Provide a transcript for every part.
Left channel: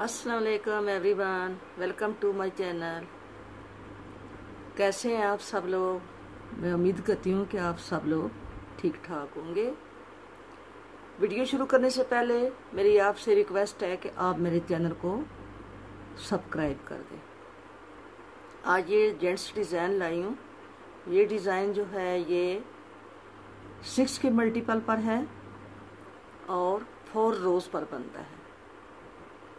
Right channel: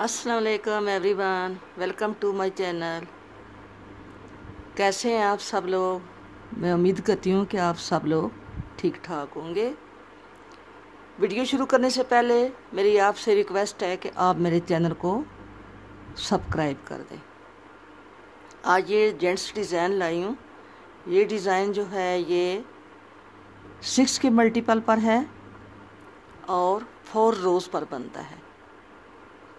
अस्सलाम वालेकुम everyone, welcome to my channel. कैसे हैं आप सब लोग? मैं उम्मीद करती हूँ कि आप सब लोग ठीक ठाक होंगे। वीडियो शुरू करने से पहले मेरी आपसे रिक्वेस्ट है कि आप मेरे चैनल को सब्सक्राइब कर दें। आज ये जेंट्स डिज़ाइन लाई हूँ। ये डिज़ाइन जो है ये 6 के मल्टीपल पर है और 4 रोज़ पर बनता है।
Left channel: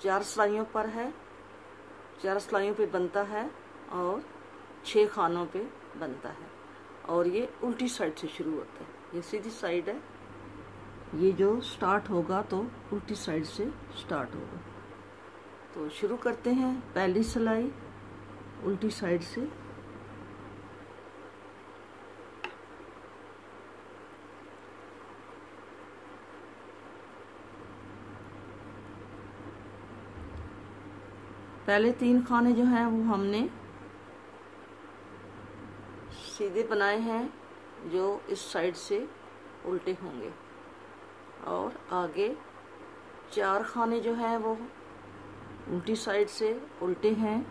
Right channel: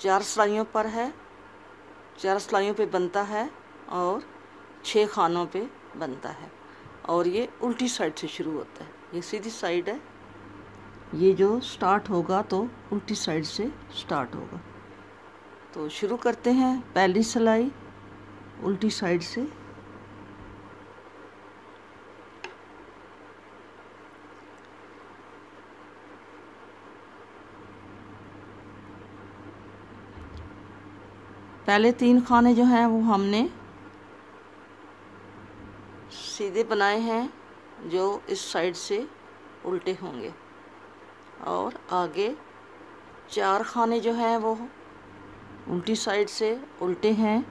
4 सिलाइयों पर है, 4 सिलाइयों पे बनता है और 6 खानों पे बनता है। और ये उल्टी साइड से शुरू होता है। ये सीधी साइड है, ये जो स्टार्ट होगा तो उल्टी साइड से स्टार्ट होगा। तो शुरू करते हैं। पहली सिलाई उल्टी साइड से, पहले 3 खाने जो हैं वो हमने सीधे बनाए हैं, जो इस साइड से उल्टे होंगे। और आगे 4 खाने जो हैं वो उल्टी साइड से उल्टे हैं,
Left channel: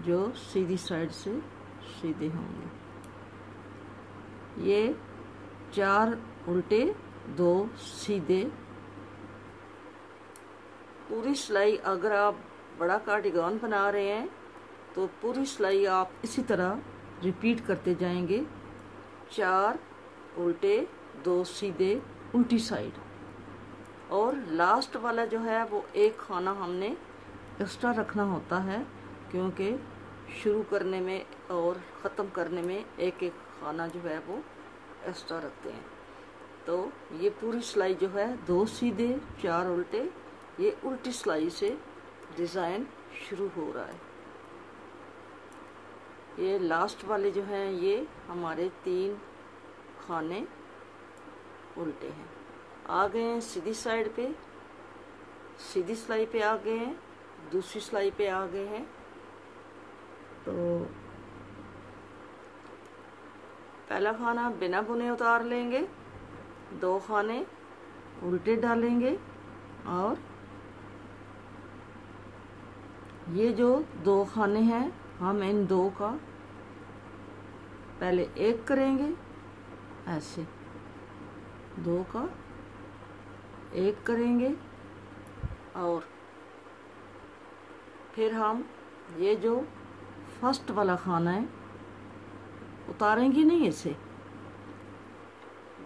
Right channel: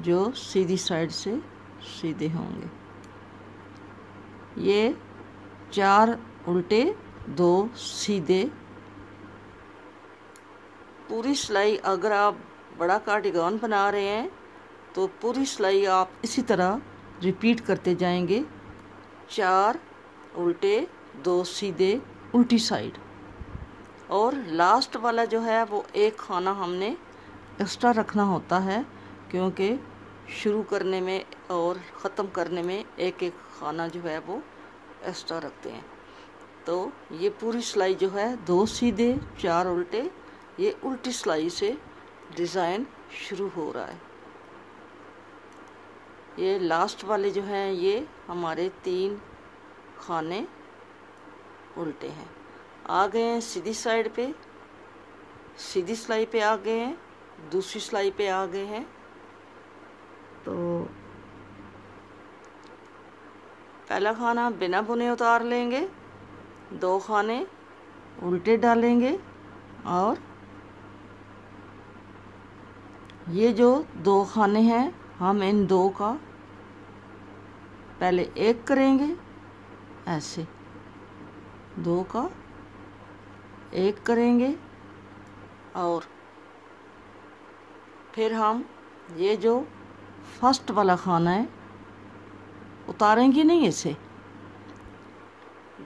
जो सीधी साइड से सीधे होंगे। ये 4 उल्टे 2 सीधे। पूरी सिलाई अगर आप बड़ा कार्डिगन बना रहे हैं तो पूरी सिलाई आप इसी तरह रिपीट करते जाएंगे। 4 उल्टे 2 सीधे उल्टी साइड। और लास्ट वाला जो है वो एक खाना हमने एक्स्ट्रा रखना होता है, क्योंकि शुरू करने में और ख़त्म करने में एक एक खाना जो है वो एक्स्ट्रा रखते हैं। तो ये पूरी सिलाई जो है 2 सीधे 4 उल्टे, ये उल्टी सिलाई से डिज़ाइन शुरू हो रहा है। ये लास्ट वाले जो हैं ये हमारे 3 खाने उल्टे हैं। आ गए हैं सीधी साइड पे, सीधी सिलाई पे आ गए हैं, दूसरी सिलाई पे आ गए हैं। तो पहला खाना बिना बुने उतार लेंगे, 2 खाने उल्टे डालेंगे और ये जो 2 खाने हैं हम इन 2 का पहले एक करेंगे, ऐसे 2 का एक करेंगे। और फिर हम ये जो फर्स्ट वाला खाना है उतारेंगे नहीं, इसे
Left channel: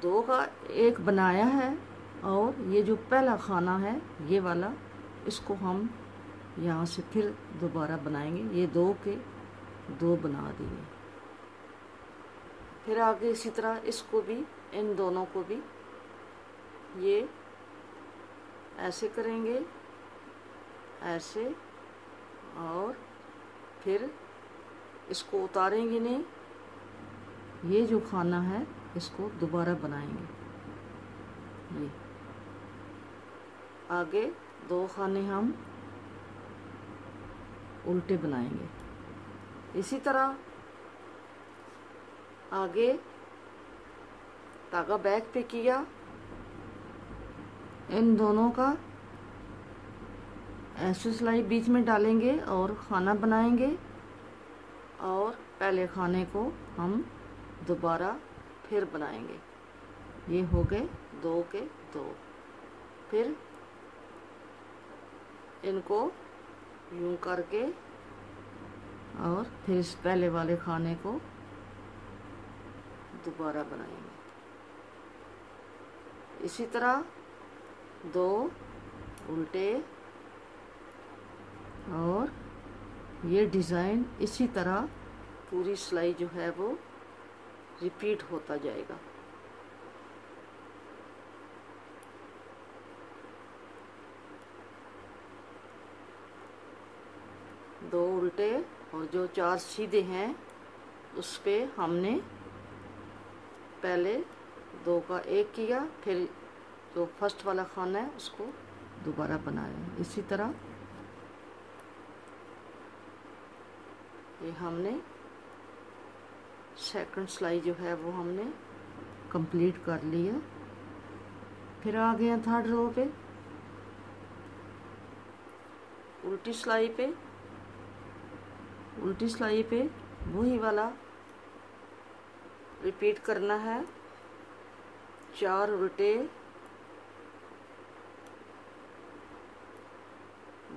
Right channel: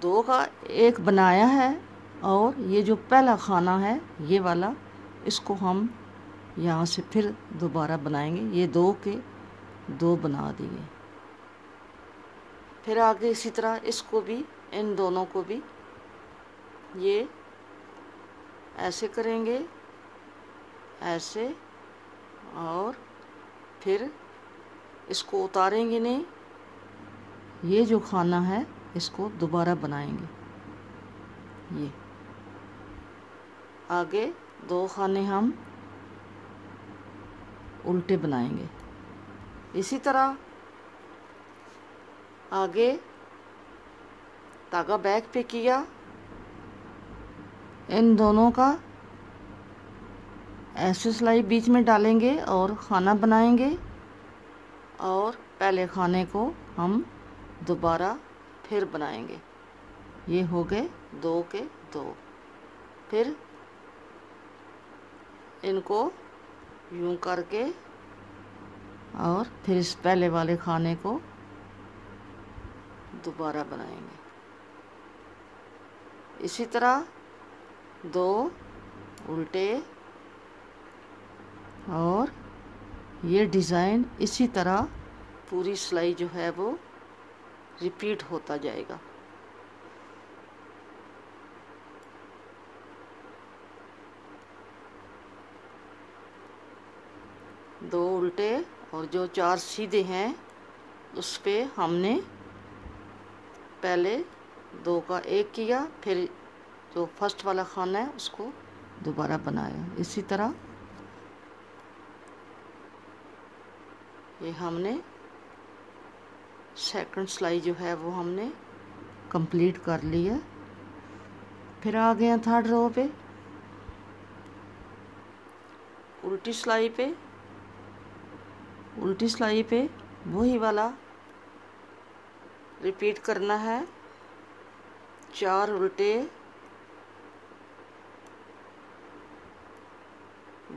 2 का एक बनाया है। और ये जो पहला खाना है ये वाला, इसको हम यहाँ से फिर दोबारा बनाएंगे। ये 2 के 2 बना दिए। फिर आगे इसी तरह इसको भी, इन दोनों को भी ये ऐसे करेंगे, ऐसे। और फिर इसको उतारेंगे नहीं, ये जो खाना है इसको दोबारा बनाएंगे। ये आगे 2 खाने हम उल्टे बनाएंगे। इसी तरह आगे धागा बैक पे किया, इन दोनों का ऐसे सिलाई बीच में डालेंगे और खाना बनाएंगे। और पहले खाने को हम दोबारा फिर बनाएंगे। ये हो गए 2 के 2। फिर इनको यूं करके और फिर इस पहले वाले खाने को दोबारा बनाएंगे। इसी तरह 2 उल्टे। और ये डिज़ाइन इसी तरह पूरी सिलाई जो है वो रिपीट होता जाएगा। दो उल्टे और जो 4 सीधे हैं उस पे हमने पहले 2 का एक किया, फिर जो फर्स्ट वाला खाना है उसको दोबारा बनाया। इसी तरह ये हमने सेकंड सिलाई जो है वो हमने कंप्लीट कर लिया। फिर आ गए 3rd रो पे, उल्टी सिलाई पे वही वाला रिपीट करना है। 4 उल्टे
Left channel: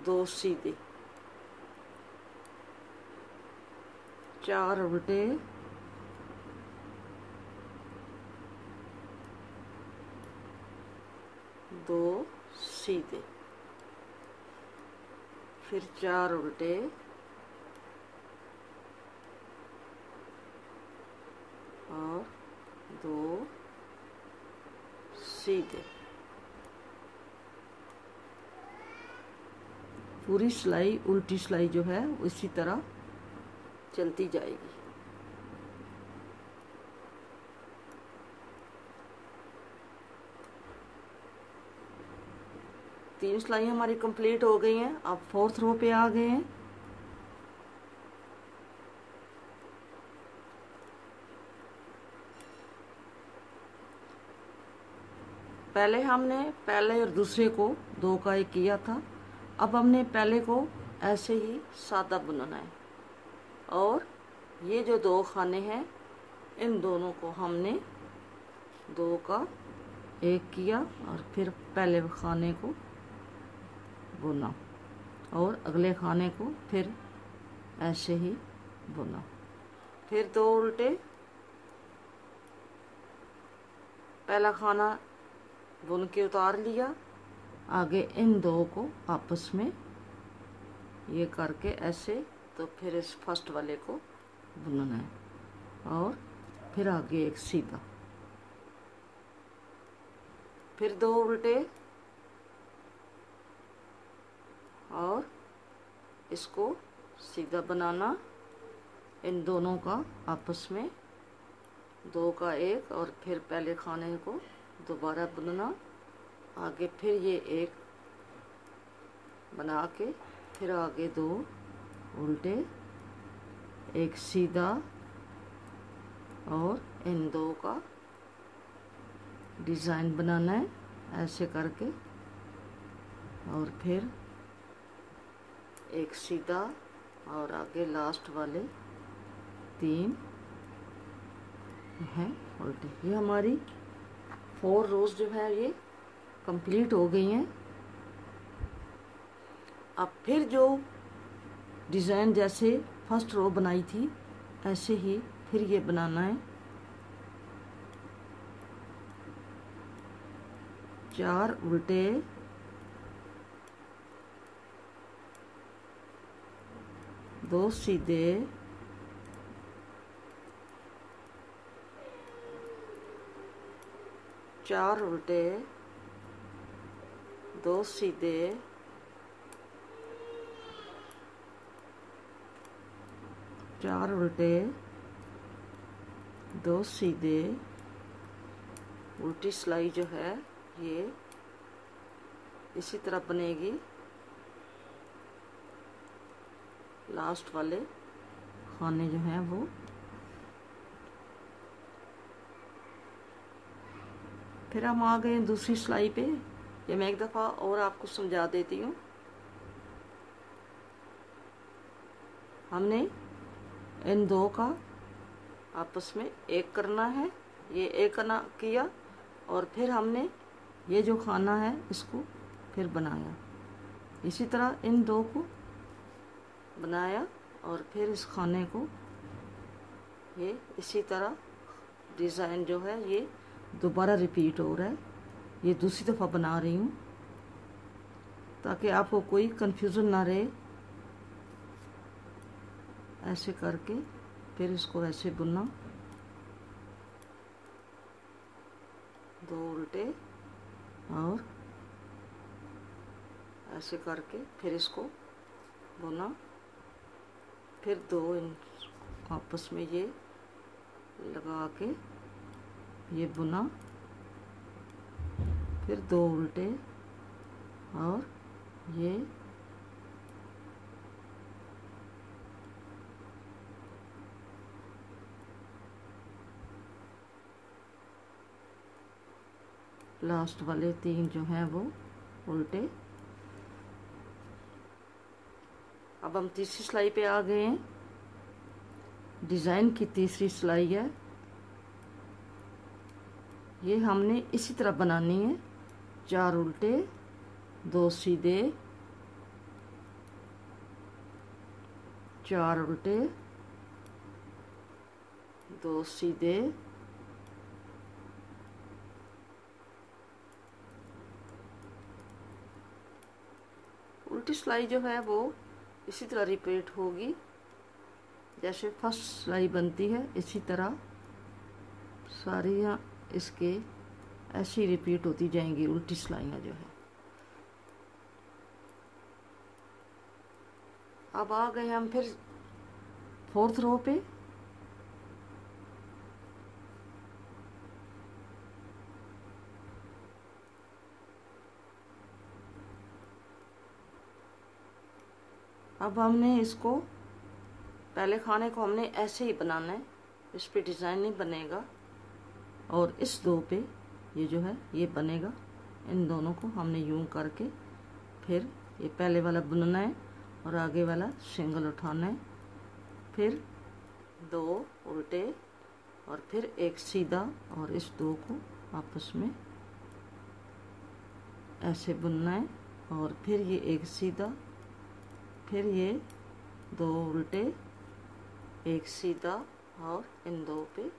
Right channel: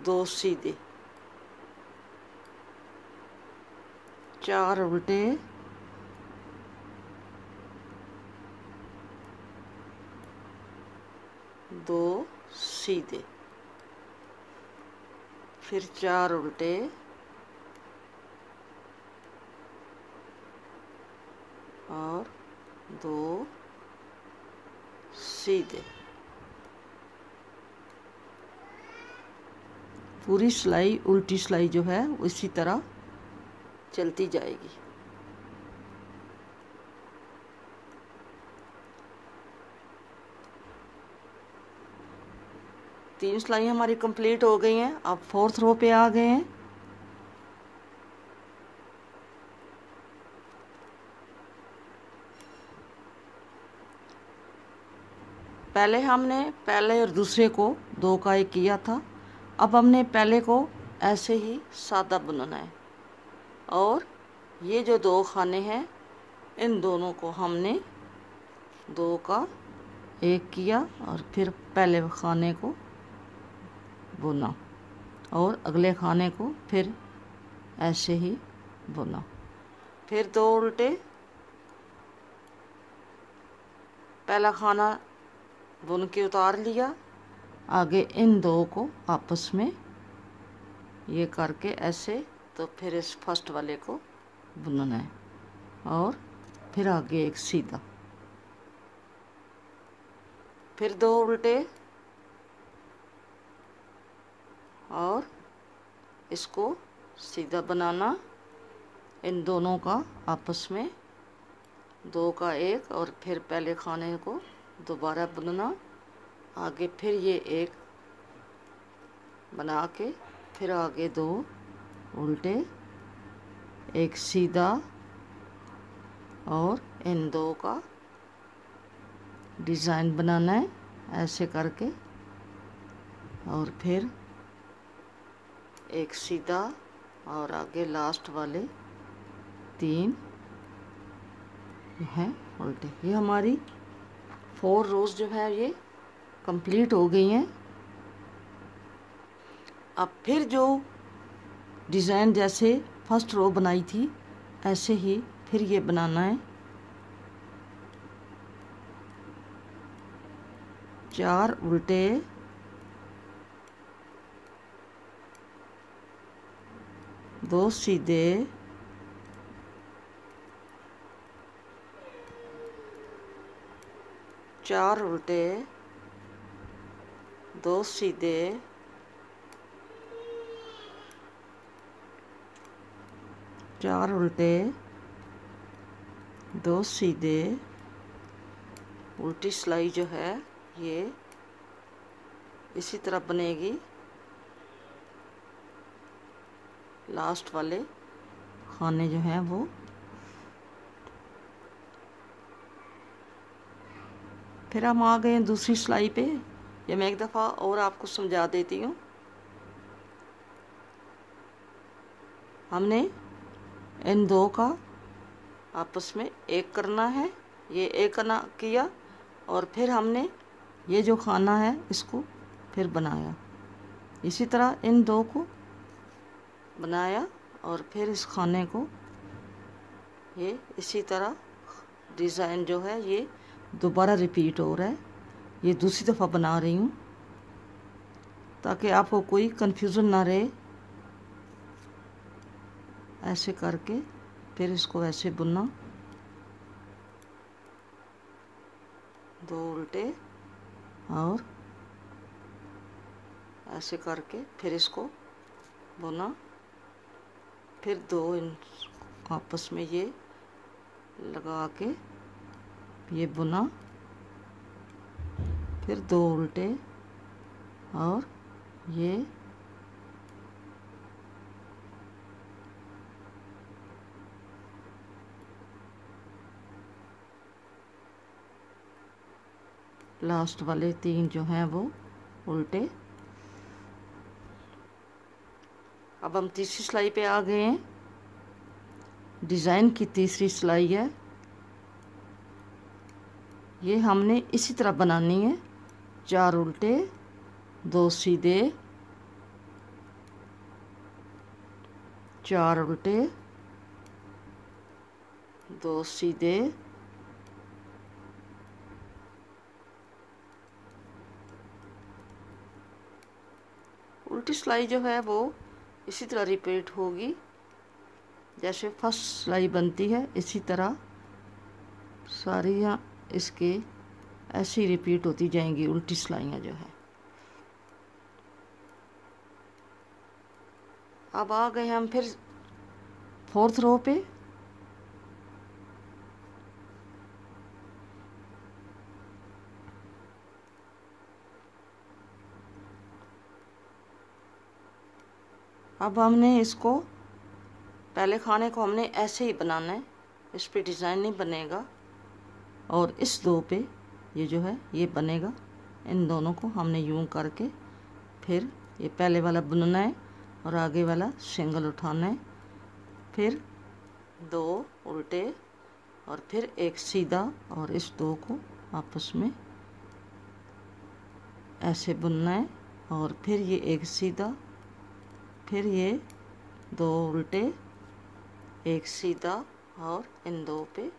2 सीधे, 4 उल्टे 2 सीधे, फिर 4 उल्टे और 2 सीधे। पूरी सिलाई उल्टी सिलाई जो है इसी तरह चलती जाएगी। तीन सिलाई हमारी कंप्लीट हो गई हैं। अब 4th रो पे आ गए हैं। पहले हमने पहले और दूसरे को 2 का 1 किया था। अब हमने पहले को ऐसे ही सादा बुनना है और ये जो 2 खाने हैं इन दोनों को हमने 2 का 1 किया और फिर पहले खाने को बुना और अगले खाने को फिर ऐसे ही बुना, फिर 2 उल्टे, पहला खाना बुन के उतार लिया, आगे इन 2 को आपस में ये करके ऐसे, तो फिर इस फर्स्ट वाले को बुनना है और फिर आगे एक सीधा, फिर 2 उल्टे और इसको सीधा बनाना, इन दोनों का आपस में 2 का 1 और फिर पहले खाने को दोबारा बुनना, आगे फिर ये 1 बना के फिर आगे 2 उल्टे, एक सीधा और इन 2 का डिज़ाइन बनाना है ऐसे करके, और फिर एक सीधा और आगे लास्ट वाले 3 हैं उल्टे। ये हमारी 4 रोज़ जो है ये कंप्लीट हो गई हैं। अब फिर जो डिज़ाइन जैसे फर्स्ट रो बनाई थी ऐसे ही फिर ये बनाना है। 4 उल्टे 2 सीधे, 4 उल्टे 2 सीधे, 4 उल्टे 2 सीधे। उल्टी सिलाई जो है ये इसी तरह बनेगी, लास्ट वाले खाने जो हैं वो। फिर हम आ गए हैं दूसरी सिलाई पे। ये मैं एक दफ़ा और आपको समझा देती हूँ। हमने इन 2 का आपस में 1 करना है, ये 1 करना किया और फिर हमने ये जो खाना है इसको फिर बनाया, इसी तरह इन 2 को बनाया और फिर इस खाने को ये इसी तरह डिज़ाइन जो है ये दोबारा रिपीट हो रहा है। ये दूसरी दफ़ा बना रही हूँ ताकि आपको कोई कन्फ्यूज़न ना रहे। ऐसे करके फिर इसको ऐसे बुनना, 2 उल्टे और ऐसे करके फिर इसको बुना, फिर 2 आपस में ये लगा के ये बुना, फिर 2 उल्टे और ये लास्ट वाले 3 जो हैं वो उल्टे, अब हम तीसरी सिलाई पे आ गए हैं। डिज़ाइन की तीसरी सिलाई है, ये हमने इसी तरह बनानी है। 4 उल्टे 2 सीधे, 4 उल्टे 2 सीधे, उल्टी सिलाई जो है वो इसी तरह रिपीट होगी जैसे फर्स्ट सिलाई बनती है, इसी तरह सारी यहाँ इसके ऐसी रिपीट होती जाएंगी उल्टी सिलाइयाँ जो है। अब आ गए हम फिर 4th रो पे। अब हमने इसको पहले खाने को हमने ऐसे ही बनाना है, इस पे डिज़ाइन नहीं बनेगा, और इस 2 पे ये जो है ये बनेगा। इन दोनों को हमने यूं करके फिर ये पहले वाला बुनना है और आगे वाला सिंगल उठाना है, फिर 2 उल्टे और फिर एक सीधा, और इस 2 को आपस में ऐसे बुनना है, और फिर ये एक सीधा, फिर ये 2 उल्टे एक सीधा, और इन 2 पे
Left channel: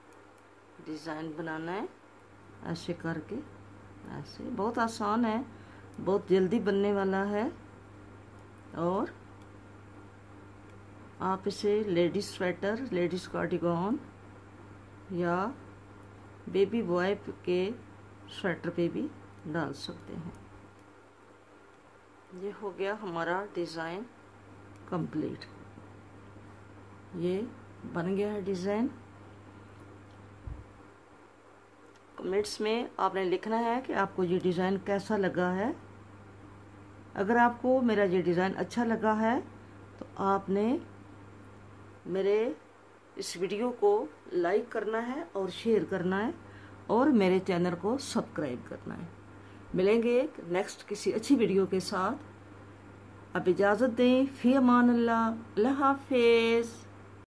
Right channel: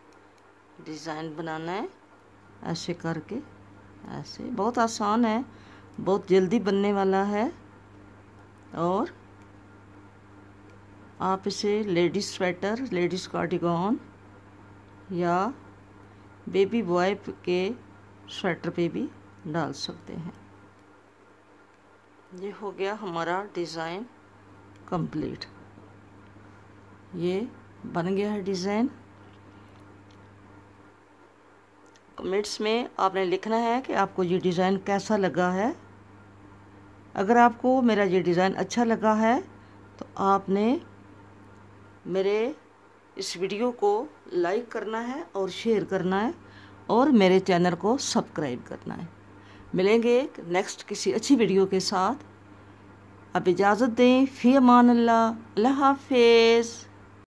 डिज़ाइन बनाना है ऐसे करके। ऐसे बहुत आसान है, बहुत जल्दी बनने वाला है, और आप इसे लेडीज़ स्वेटर, लेडीज़ कार्डिगन या बेबी बॉय के स्वेटर पे भी डाल सकते हैं। ये हो गया हमारा डिज़ाइन कंप्लीट। ये बन गया है डिज़ाइन। कमेंट्स में आपने लिखना है कि आपको ये डिज़ाइन कैसा लगा है। अगर आपको मेरा ये डिज़ाइन अच्छा लगा है तो आपने मेरे इस वीडियो को लाइक करना है और शेयर करना है, और मेरे चैनल को सब्सक्राइब करना है। मिलेंगे नेक्स्ट किसी अच्छी वीडियो के साथ। अब इजाज़त दें। फ़ी अमान अल्लाह। अल्लाह हाफ़िज़।